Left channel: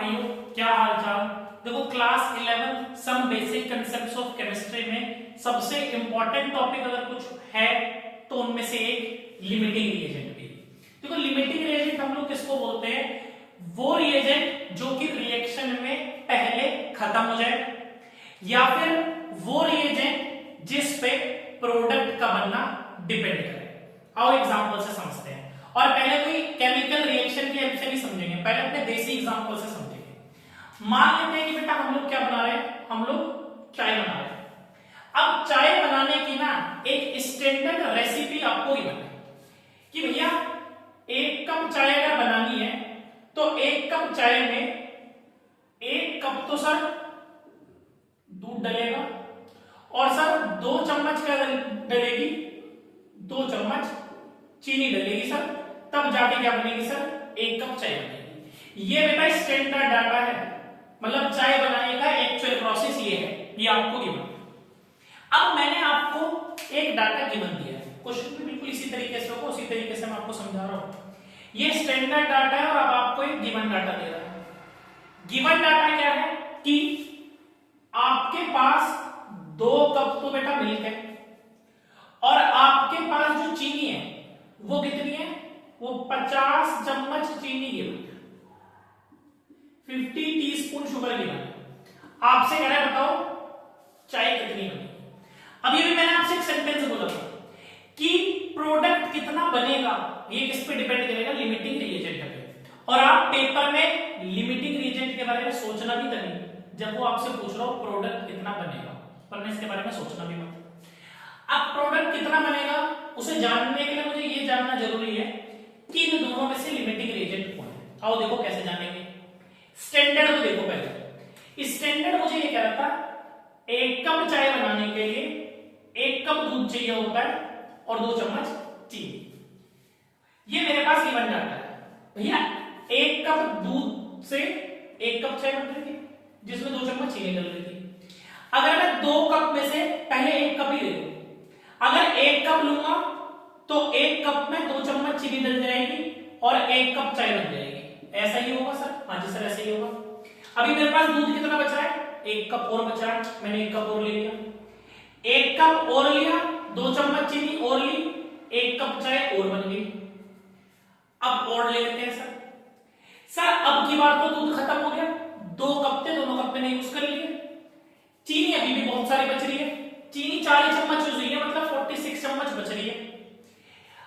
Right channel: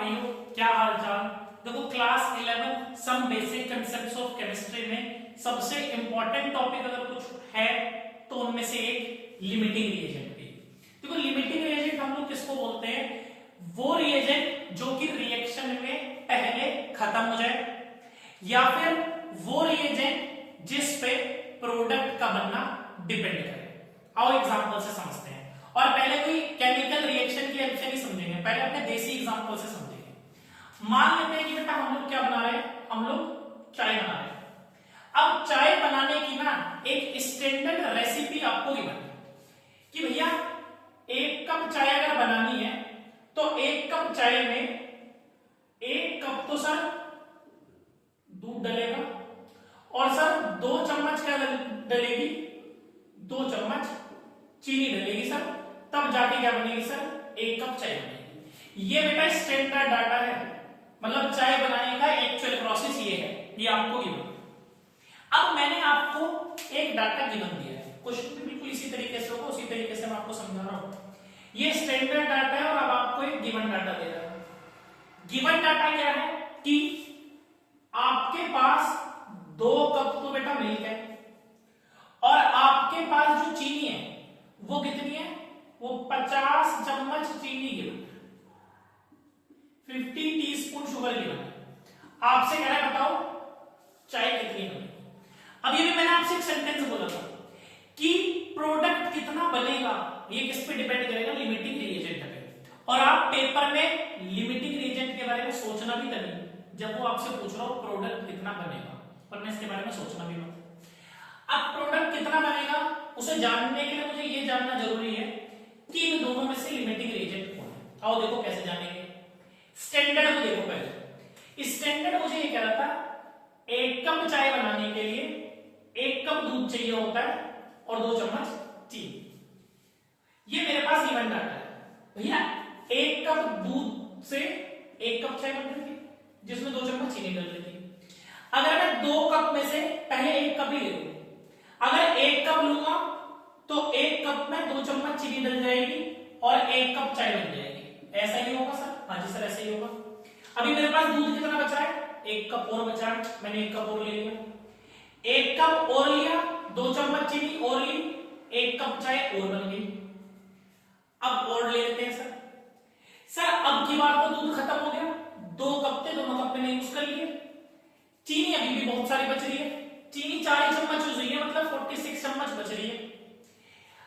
भाइयों, क्या हाल चाल। देखो class 11 some basic concepts of chemistry में सबसे इंपॉर्टेंट टॉपिक अगर कुछ है तो उनमें से एक लिमिटिंग रिएजेंट भी। देखो लिमिटिंग रिएजेंट हम लोग किसको बोलते हैं, वो रिएजेंट जो कि रिएक्शन में पहले खत्म हो जाए, या फिर वो रिएजेंट जिस पे प्रोडक्ट का बनना डिपेंड करे। आओ एग्जांपल से समझते हैं, और पहले कोई केमिकल रिएक्शन की हेल्प से नहीं समझेंगे, पहले अपने देसी एग्जांपल से समझेंगे। मान लेते हैं कि बेटा हम लोग क्या बना रहे हैं, हम लोग चाय बना रहे हैं। अब चाय बनाने की ना एक स्टैंडर्ड रेसिपी आपको ही बनानी कि भैया 1 कप चाय अगर बनानी है तो 1 कप चाय में 1 कप तो सर दूध डलेगा, और सर 2 चम्मच क्या डलेगी, 2 चम्मच चीनी डलेगी सर, तब जाके क्या बनेगी सर, 1 कप चाय बनेगी। ये बेटा स्टैंडर्ड डाटा है, मतलब चाय बनाने का एक्चुअल प्रोसेस ये है, ये आपको गिवन। अब मैंने आपको एक डाटा गिवन दिया है, क्वेश्चन भी बिल्कुल इसी तरीके से होगा, उसी तरीके से मैं आपको समझा रहा हूं। ये स्टैंडर्ड डाटा है और अब आपको एक गिवन डाटा दे रहा है। गिवन डाटा क्या है कि आपके पास 2 कप तो बेटा मिल्क है, और आपके पास जो चीनी है वो कितनी है, वो 50 चम्मच चीनी गिवन है, 50 टीस्पून शुगर गिवन है। आपसे कह रहा है बताओ चाय कितनी बनेगी। अभी भी मैंने आपसे एक सेंटेंस बोला था कि प्रोडक्ट कितना बनेगा ये किस पे डिपेंड करेगा, लिमिटिंग रिएजेंट पे। और आप पेपर में लिमिटिंग रिएजेंट के बारे में सोचना भी तभी जब वो आपसे पूछ रहा हो प्रोडक्ट कितना बनेगा, वरना इसके बारे में सोचना भी मत। अब प्रोडक्ट कितना बनेगा उसे जानने के लिए मुझे ये जानना जरूरी है कि इन दोनों में से लिमिटिंग रिएजेंट कौन है। आओ देखो कैसे जानेंगे। स्टैंडर्ड को देखो पहले। स्टैंडर्ड मुझे ये कह रहा था 1 कप चाय बनाने के लिए 1 कप दूध चाहिए होता है और 2 चम्मच चीनी। ये मेरे पास गिवन डाटा है भैया, 1 कप दूध से 1 कप चाय बन रही थी जिसमें 2 चम्मच चीनी डल रही थी। अगर मैं 2 कप में से पहले 1 कप ही ले लूं, अगर 1 कप लूंगा तो 1 कप में 2 चम्मच चीनी डल जाएगी और 1 कप चाय बन जाएगी। ऐसा ही होगा सर? हाँ जी सर ऐसा ही होगा। अभी मेरे पास दूध कितना बचा है, 1 कप और बचा है, मैंने 1 कप और ले लिया, 1 कप और लिया, 2 चम्मच चीनी और ली, 1 कप चाय और बन गई। अब और ले लेते हैं सर अब की बार तो दूध खत्म हो गया, 2 कप थे, दोनों कप मैंने यूज कर लिए। चीनी अभी भी बहुत सारी बच रही है, चीनी 40 चम्मच यूज हुई है, मतलब 46 चम्मच बच रही है।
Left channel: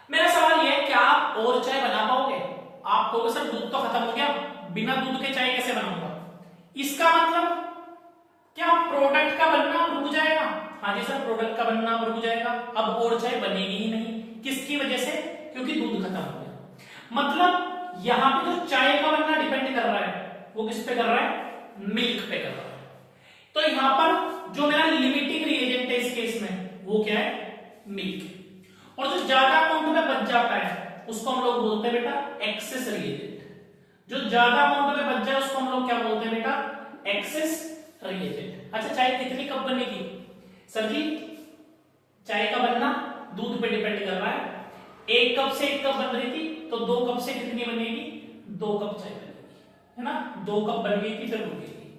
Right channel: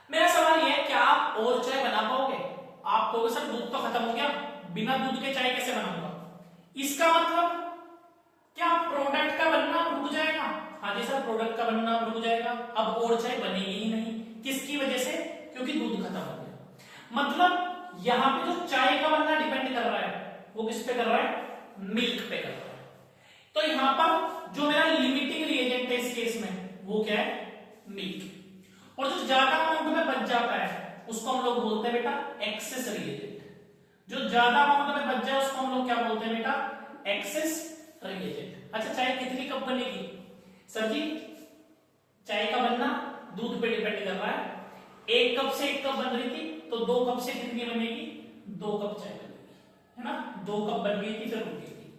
मेरा सवाल यह है क्या आप और चाय बना पाओगे? आप कहोगे सर दूध तो खत्म हो गया, बिना दूध के चाय कैसे बनाऊंगा? इसका मतलब क्या प्रोडक्ट का बनना रुक जाएगा? हाँ जी सर प्रोडक्ट का बनना रुक जाएगा, अब और चाय बनेगी ही नहीं। किसकी वजह से? क्योंकि दूध खत्म हो गया। मतलब यहां पे जो चाय का बनना डिपेंड कर रहा है वो किस पे कर रहा है, मिल्क पे कर रहा है। तो यहां पर जो मेरा लिमिटिंग रिएजेंट है इस केस में वो क्या है, मिल्क। और जो ज्यादा अमाउंट में बच जाता है उसको हम लोग बोलते हैं बेटा एक्सेस रिएजेंट। जो ज्यादा अमाउंट में बच जाए उसको हम लोग क्या बोलते हैं बेटा, एक्सेस रिएजेंट। अच्छा चाय कितनी कप बनेगी सर जी? चाय का बनना दूध पे डिपेंड कर रहा है। 1 कप से 1 कप बन रही थी तो 2 कप से कितनी बनेगी, 2 कप चाय बनेगी, है ना। 2 कप बन गई थी फिर रुक गई थी।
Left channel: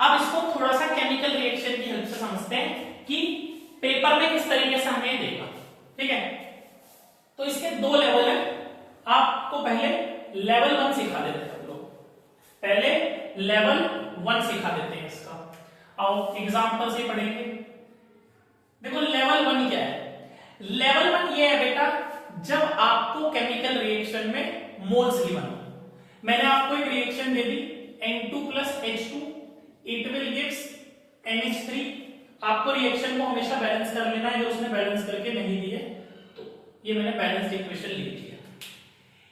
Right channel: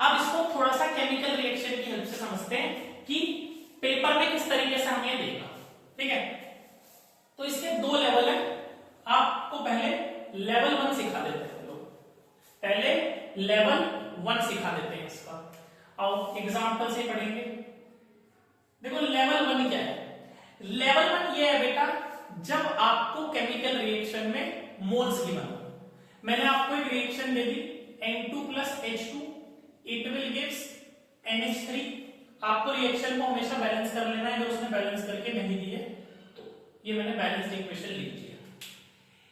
अब इसको थोड़ा सा केमिकल रिएक्शन की हेल्प से समझते हैं कि पेपर में किस तरीके से हमें देगा, ठीक है। तो इसके 2 लेवल है, आपको पहले लेवल 1 सिखा देते हैं हम लोग, पहले लेवल 1 सिखा देते हैं इसका। आओ एग्जांपल से पढ़ेंगे। देखो लेवल 1 क्या है, लेवल 1 ये है बेटा जब आपको केमिकल रिएक्शन में मोल्स गिवन हो। मैंने आपको एक reaction they the N2 + H2 it will gives NH3। आपको रिएक्शन को हमेशा बैलेंस कर लेना है, जो उसने बैलेंस करके नहीं दी है तो ये मैंने बैलेंस्ड इक्वेशन लिख दिया।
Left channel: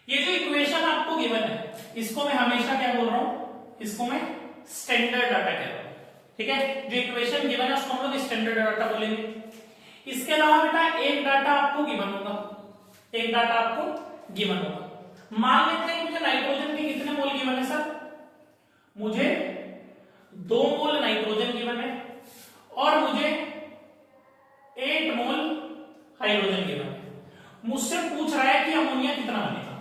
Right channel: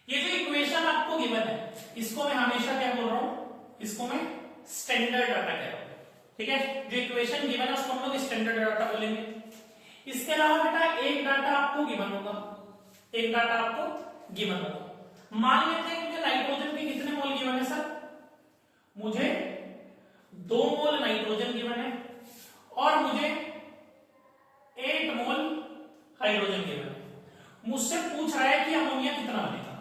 ये जो इक्वेशन आपको गिवन है इसको मैं हमेशा क्या बोल रहा हूं, इसको मैं स्टैंडर्ड डाटा कह रहा हूं, ठीक है। जो इक्वेशन गिवन है उसको हम लोग स्टैंडर्ड डाटा बोलेंगे। इसके अलावा बेटा एक डाटा आपको गिवन होगा, एक डाटा आपको गिवन होगा। मान लेते हैं कि मुझे नाइट्रोजन के कितने मोल गिवन है सर, मुझे 2 मोल नाइट्रोजन गिवन है और मुझे 8 मोल हाइड्रोजन गिवन है। मुझसे पूछ रहा है कि अमोनिया कितना बनेगा।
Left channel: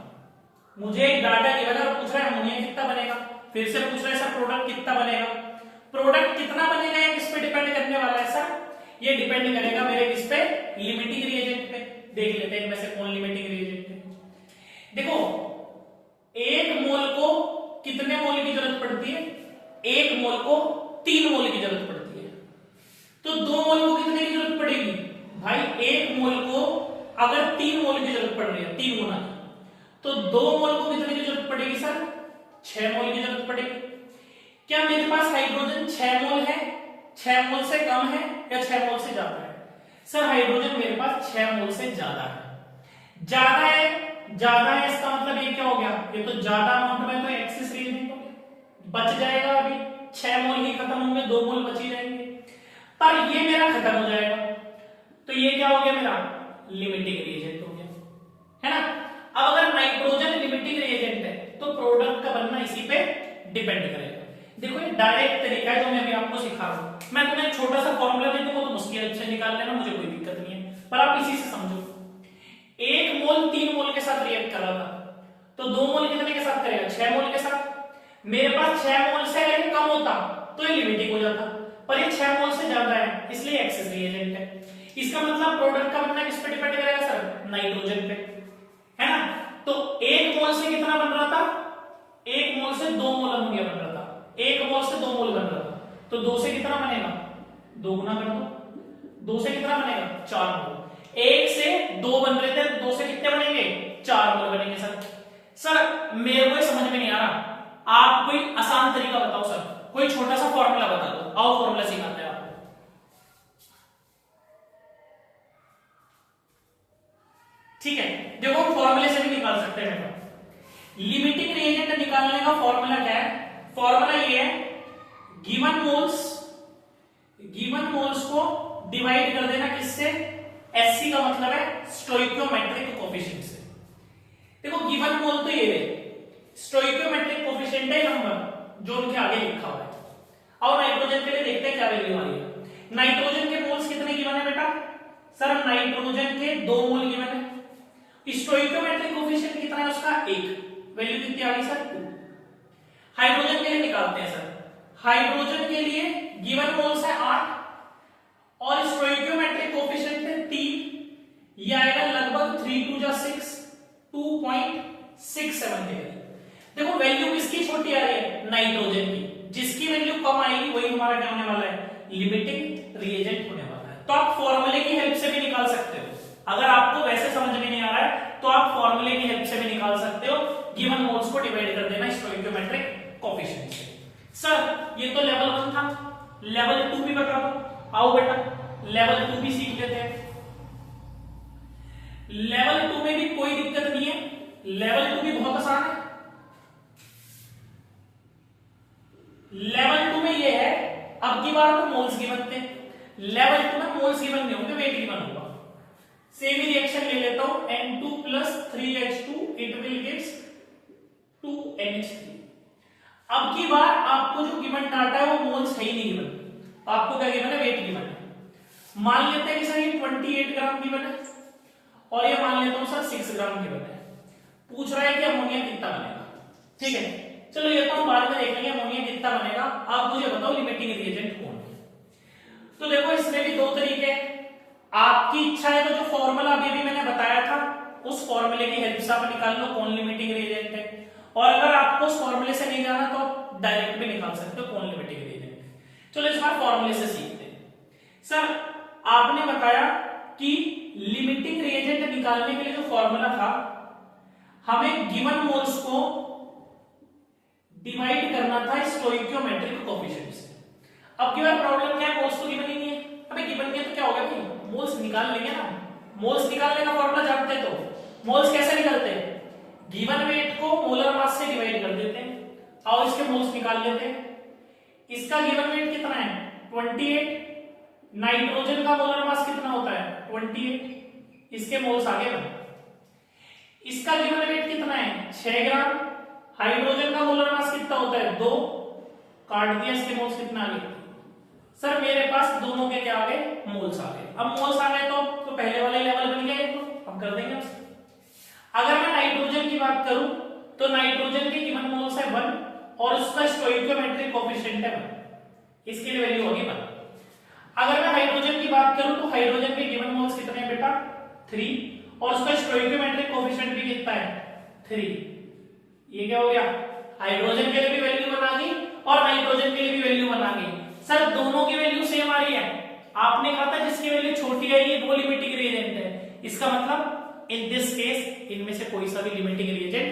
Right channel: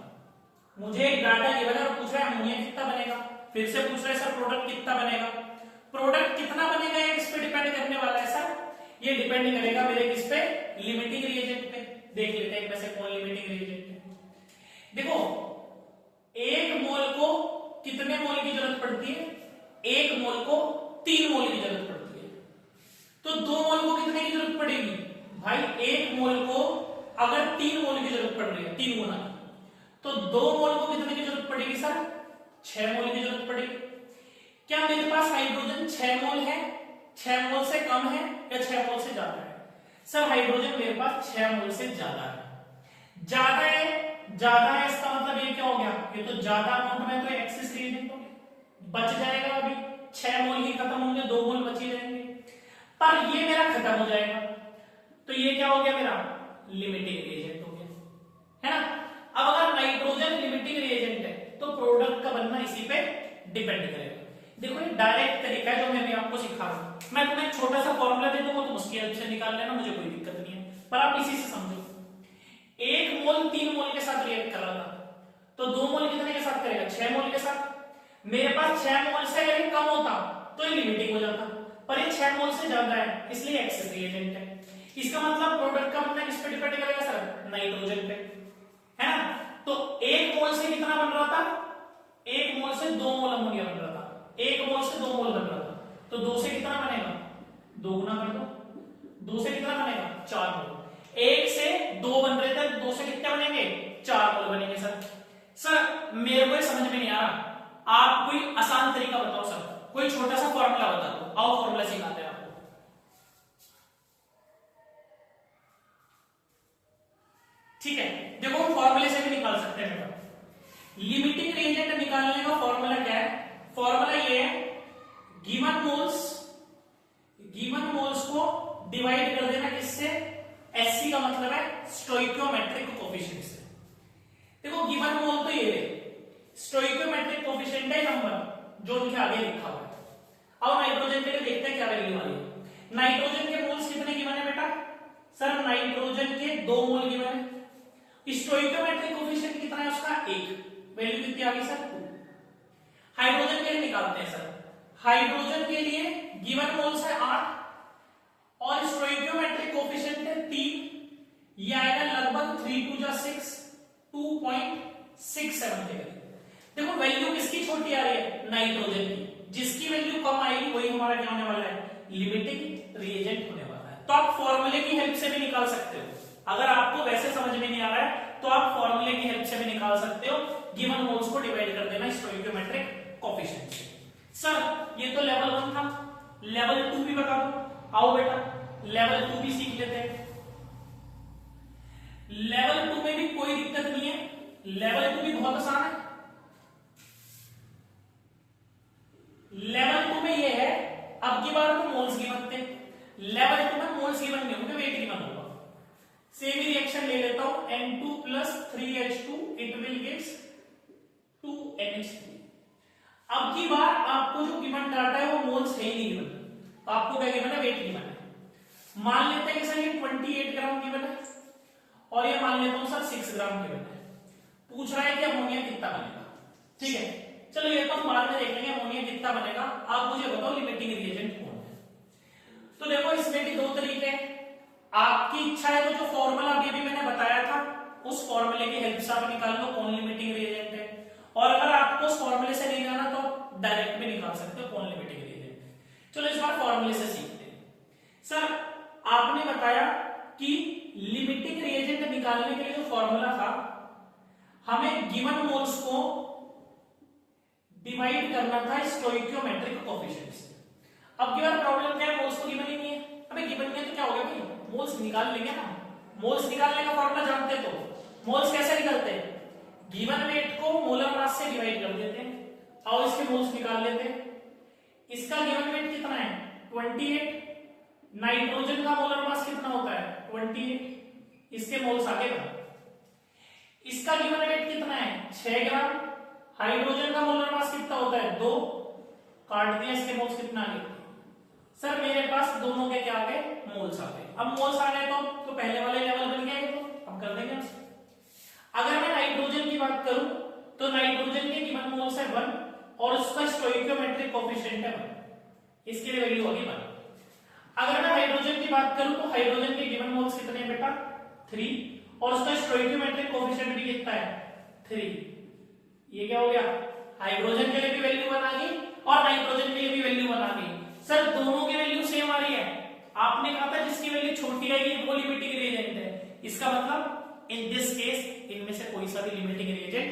मुझे एक डाटा गिवन है और पूछ रहा है अमोनिया कितना बनेगा। फिर से पूछ रहे सर प्रोडक्ट कितना बनेगा। प्रोडक्ट कितना बनेगा ये किस पे डिपेंड करने वाला है सर, ये डिपेंड करेगा मेरे किस पे, लिमिटिंग रिएजेंट पे। देख लेते हैं इनमें से कौन लिमिटिंग रिएजेंट है। देखो एक मोल को कितने मोल की जरूरत पड़ती है, एक मोल को 3 मोल की जरूरत पड़ती है। तो 2 मोल को कितने की जरूरत पड़ेगी भाई, एक मोल को अगर 3 मोल की जरूरत पड़ रही है 3 गुना की, तो 2 मोल को कितने की जरूरत पड़ेगी सर, 6 मोल की जरूरत पड़ेगी। क्या मेरे पास हाइड्रोजन 6 मोल है, 6 मोल से कम है या 6 मोल से ज्यादा है? सर हाइड्रोजन मेरे पास 6 मोल से ज्यादा है। ज्यादा है, ज्यादा है इसका मतलब ये क्या हो गया, ये तो ज्यादा अमाउंट में तो एक्सिस रिएजेंट हो गया, बच जाएगा। अभी 6 मोल ही खत्म होंगे, 2 मोल बच ही रहेंगे, पर ये मेरा खत्म हो जाएगा, तो ये क्या हो गया मेरा, लिमिटिंग रिएजेंट हो गया, है ना। अब अगर नाइट्रोजन लिमिटिंग रिएजेंट है तो प्रोडक्ट का बनना इसी पे डिपेंड करेगा। देखो ये डायरेक्ट तरीका है जो मैं अभी आपको सिखा रहा हूं। मैं तुम्हें एक छोटा सा फॉर्मूला दे दूंगा, तुम उसकी अच्छे निकाल लेना, मुझे कोई दिक्कत नहीं है, पर आप इसी से समझो। 1 मोल 3 मोल के साथ रिएक्ट कर रहा था, तो 2 मोल कितने के साथ करेगा, 6 मोल के साथ। मेरे पास 6 मोल से अगर कम होता तो ये लिमिटिंग हो जाता, पर ये 6 मोल से ज्यादा है इसलिए एक्सेस रिएजेंट है। इसका मतलब प्रोडक्ट का बनना किस पे डिपेंड करेगा सर, नाइट्रोजन पे, है ना। तो 1 मोल से कितना बन रहा था, 1 मोल से 2 मोल अमोनिया बन रहा था, 1 मोल से 2 मोल बन रहा था, तो 2 से कितना बनेगा, 2 गुना कर दो, 2 से कितना बनेगा, 4 मोल। 1 से 2 बन रहे थे, 2 से कितने बनेंगे, 4 मोल बनेंगे। सर मेरे को ये समझ में नहीं आ रहा, आप कोई आसान तरीका बताओ सर, कोई छोटा सा फॉर्मूला बता दो, आओ फॉर्मूला सिखाते हैं आपको। ठीक है, देखो हम फॉर्मूले से भी निकाल सकते हैं। लिमिटिंग रिएजेंट निकालने का फॉर्मूला क्या है, फॉर्मूला ये है, गिवन मोल्स को डिवाइड कर देना किससे, एससी का मतलब है स्टोइकियोमेट्रिक कोफिशिएंट से। देखो गिवन मोल तो ये है, स्टोइकियोमेट्रिक कोफिशिएंट है नंबर जो उनके आगे लिखा हुआ है। और नाइट्रोजन के लिए देखते हैं क्या वैल्यू आ रही है। नाइट्रोजन के मोल्स कितने गिवन है बेटा, सर नाइट्रोजन के 2 मोल गिवन है। स्टोइकियोमेट्रिक कोफिशिएंट कितना है उसका, 1, वैल्यू कितनी आ गई सर, 2। हाइड्रोजन के लिए निकालते हैं सर, हाइड्रोजन के लिए गिवन मोल्स है 8 और स्टोइकियोमेट्रिक कोफिशिएंट है 3, ये आएगा लगभग 3 2 जा 6, 2.67 के करीब। देखो वैल्यू किसकी छोटी आ रही है, नाइट्रोजन की, जिसकी वैल्यू कम आएगी वही हमारा क्या होने वाला है, लिमिटिंग रिएजेंट होने वाला है। तो आप फॉर्मूले की हेल्प से भी निकाल सकते हो, अगर आपको वैसे समझ में नहीं आ रहा है तो आप फॉर्मूले की हेल्प से भी निकाल सकते हो। गिवन मोल्स को डिवाइड कर देना स्टोइकियोमेट्रिक कोफिशिएंट से। सर ये तो लेवल 1 था, लेवल 2 भी बता दो, आओ बेटा लेवल 2 भी सीख लेते हैं। लेवल 2 में भी कोई दिक्कत नहीं है, लेवल 2 भी बहुत आसान है। लेवल 2 में ये है, अब की बार तो मोल्स गिवन थे, लेवल 2 में मोल्स गिवन नहीं होंगे, वेट गिवन होगा। सेम रिएक्शन ले लेता हूं, N2 + 3H2 it will gives 2NH3। अब की बार आपको जो गिवन डाटा है वो मोल्स है ही नहीं गिवन, आपको क्या गिवन है, वेट गिवन है। मान लेते हैं कि सर ये 28 ग्राम गिवन है और ये मान लेता हूं सर 6 ग्राम गिवन है। पूछ रहा है कि अमोनिया कितना बनेगा, ठीक है चलो ये तो हम बाद में देखेंगे अमोनिया कितना बनेगा। आप मुझे बताओ लिमिटिंग रिएजेंट कौन है। तो देखो इसमें भी 2 तरीके हैं, आपकी इच्छा है तो जो फॉर्मूला अभी मैंने बताया था उस फॉर्मूले की हेल्प से आप निकाल लो कौन लिमिटिंग रिएजेंट है, और अगर आपको उस फॉर्मूले से नहीं जाना तो आप डायरेक्ट भी निकाल सकते हो कौन लिमिटिंग रिएजेंट है। चलो इस बार फॉर्मूले से सीखते हैं। सर आपने बताया कि लिमिटिंग रिएजेंट निकालने के लिए जो फॉर्मूला था, हमें गिवन मोल्स को डिवाइड करना था स्टोइकियोमेट्रिक कोफिशिएंट से। अब की बार प्रॉब्लम क्या है, मोल्स तो गिवन ही नहीं है। अबे गिवन नहीं है तो क्या होगा भाई, मोल्स निकाल लेंगे ना। मोल्स निकालने का फॉर्मूला जानते हैं, तो मोल्स कैसे निकलते हैं, गिवन वेट को मोलर मास से डिवाइड कर देते हैं और इसके मोल्स निकाल लेते हैं। इसका गिवन वेट कितना है 28, नाइट्रोजन का मोलर मास कितना होता है 28, इसके मोल्स आगे बढ़े। इसका गिवन वेट कितना है 6 ग्राम, हाइड्रोजन का मोलर मास कितना होता है 2, काट दिया, इसके मोल्स कितना आ गए सर, मेरे पास दोनों के क्या आ गए मोल्स आ गए। अब मोल्स आ गए तो पहले वाले लेवल बन गया, तो हम कर देंगे उसको। अगर मैं नाइट्रोजन की बात करूं तो नाइट्रोजन के गिवन मोल्स है 1, और उसका स्टोइकियोमेट्रिक कोएफिशिएंट है 1, इसके लिए वैल्यू होगी 1। अगर मैं हाइड्रोजन की बात करूं तो हाइड्रोजन के गिवन मोल्स कितने हैं बेटा 3 और उसका स्टोइकियोमेट्रिक कोएफिशिएंट भी कितना है 3। ये क्या हो गया, हाइड्रोजन के लिए भी वैल्यू 1 आ गई और नाइट्रोजन के लिए भी वैल्यू 1 आ गई। सर दोनों की वैल्यू सेम आ रही है, आपने कहा था जिसकी वैल्यू छोटी आएगी वो लिमिटिंग रिएजेंट है, इसका मतलब इन दिस केस इनमें से कोई सा भी लिमिटिंग रिएजेंट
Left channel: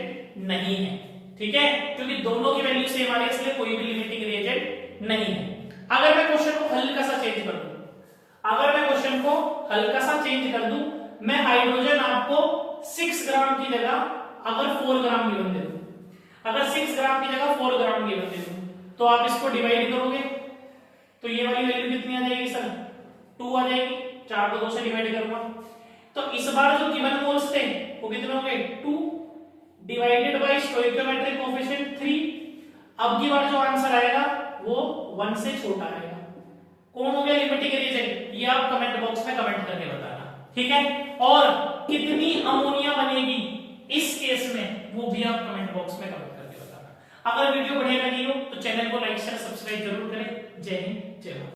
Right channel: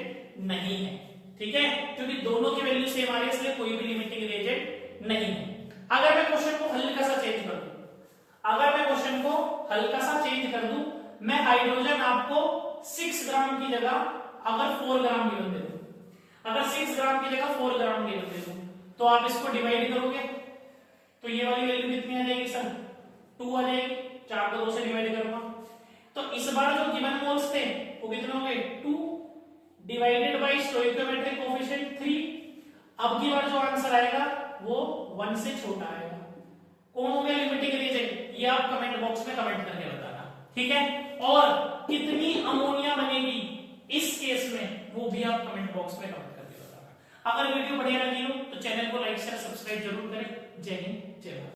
नहीं है, ठीक है, क्योंकि दोनों की वैल्यू सेम आ रही है इसलिए कोई भी लिमिटिंग रिएजेंट नहीं है। अगर मैं क्वेश्चन को हल्का सा चेंज कर दूं, मैं हाइड्रोजन आपको 6 ग्राम की जगह अगर 4 ग्राम गिवन दे दूं, अगर 6 ग्राम की जगह 4 ग्राम गिवन दे दूं, तो आप इसको डिवाइड करोगे तो ये वाली वैल्यू कितनी आ जाएगी सर 2 आ जाएगी, 4 को 2 से डिवाइड करूंगा तो इस बार जो गिवन मोल्स थे वो कितने हो गए 2 डिवाइडेड बाय स्टोइकियोमेट्रिक कोएफिशिएंट 3। अब की बार जो आंसर आएगा वो 1 से छोटा आएगा। कौन हो गया लिमिटिंग रिएजेंट, ये आप कमेंट बॉक्स में कमेंट करके बताना, ठीक है। और कितनी अमोनिया बनेगी इस केस में वो भी आप कमेंट बॉक्स में कमेंट करके बताना। अगर वीडियो बढ़िया लगी हो तो चैनल को लाइक शेयर सब्सक्राइब जरूर करें। जय हिंद जय भारत।